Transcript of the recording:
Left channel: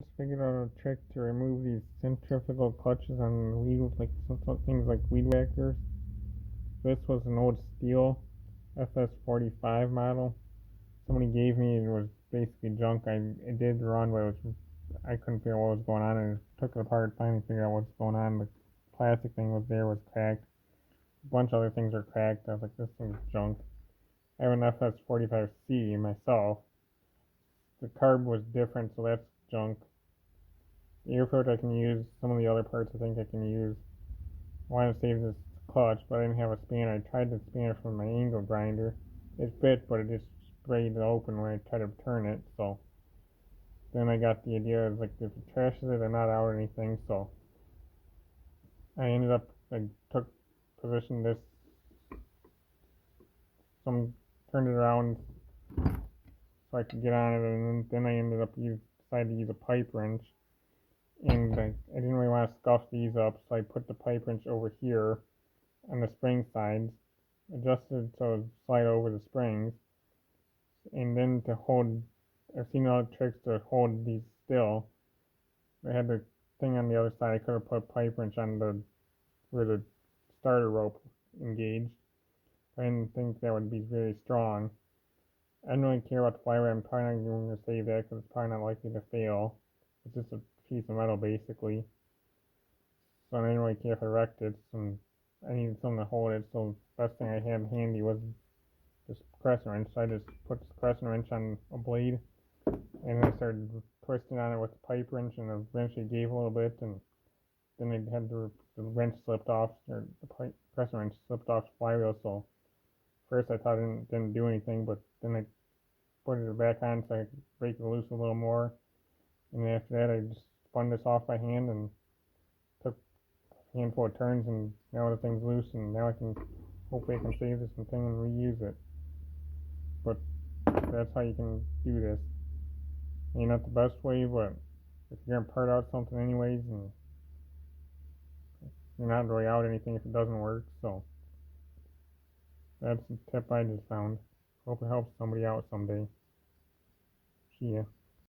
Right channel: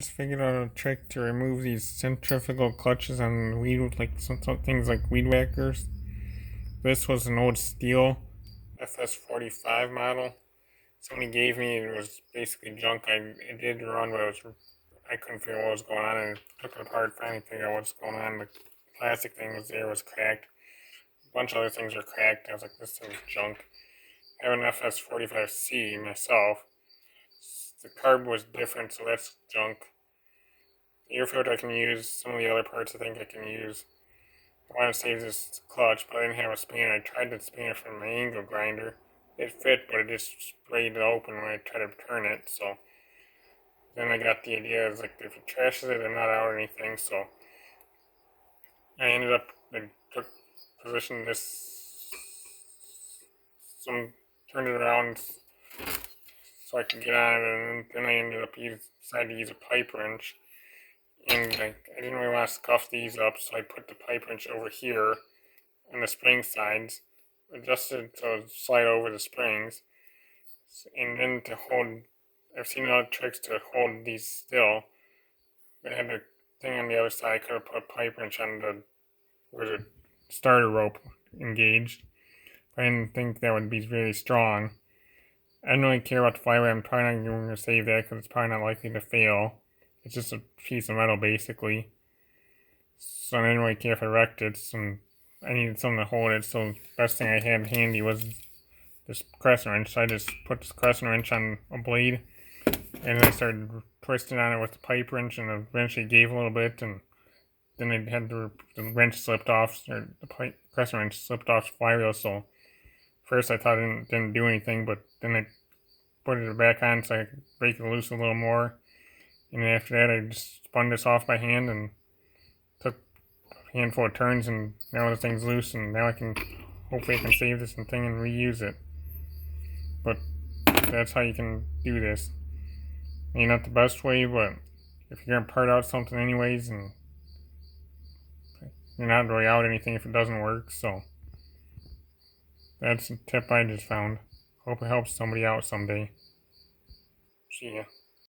Just figured out a trick to remove these centrifugal clutches on weed, like some things like weed whackers. This was an old steel FS45 model. Somebody gave me it was basically junk. It did run, but I couldn't figure out what was going on, and took it apart, finally figured out what's going on. The plastic thing was cracked. A bunch of other things are cracked. I was like, this thing's junk. I have an FS45C myself. The carb was different, so that's junk. The air filter I can use. Some of the other parts I think I can use. I want to save this clutch, but I didn't have a spanner. I tried the spanner from my angle grinder. It fit, but it just sprayed it open when I tried to turn it. So then I got the idea, is like if it trashes it, I'm not out or anything. So I took position this, turned it around so I could get on it, and then I decided to use a pipe wrench. And I didn't really want to scuff these up, so I put the pipe wrench over here on the spring sides, adjusted so it would slide over the springs, and then to hold. I've seen other tricks to hold these still. I had the thing on the other side. I could have put a pipe wrench on where the starter rope engaged, but I didn't think that would be very strong. I don't really care about the flywheel. I'm probably not going to save that because it's probably not likely to fail. It's just a piece of metal, basically. So I didn't really care if I wrecked it. So I needed something to hold it. So the best thing I had handy was this crescent wrench. So I just put this crescent wrench on a blade, and then I started twisting on it with the pipe wrench, and eventually gave a little bit, and then it had the wrench slipped off, or the crescent wrench slipped off the flywheel. So first I thought it didn't do anything, but then I put it back on so I could break it loose a little more. And then after that, I just spun this off by hand and took a handful of turns, and now the thing's loose, and now hopefully I can save this thing and reuse it. But that's how you can do this. Maybe not the best way, but if you're gonna part out something anyways, and you're not really out anything if it doesn't work, so that's a tip I just found. Hope it helps somebody out someday. See ya.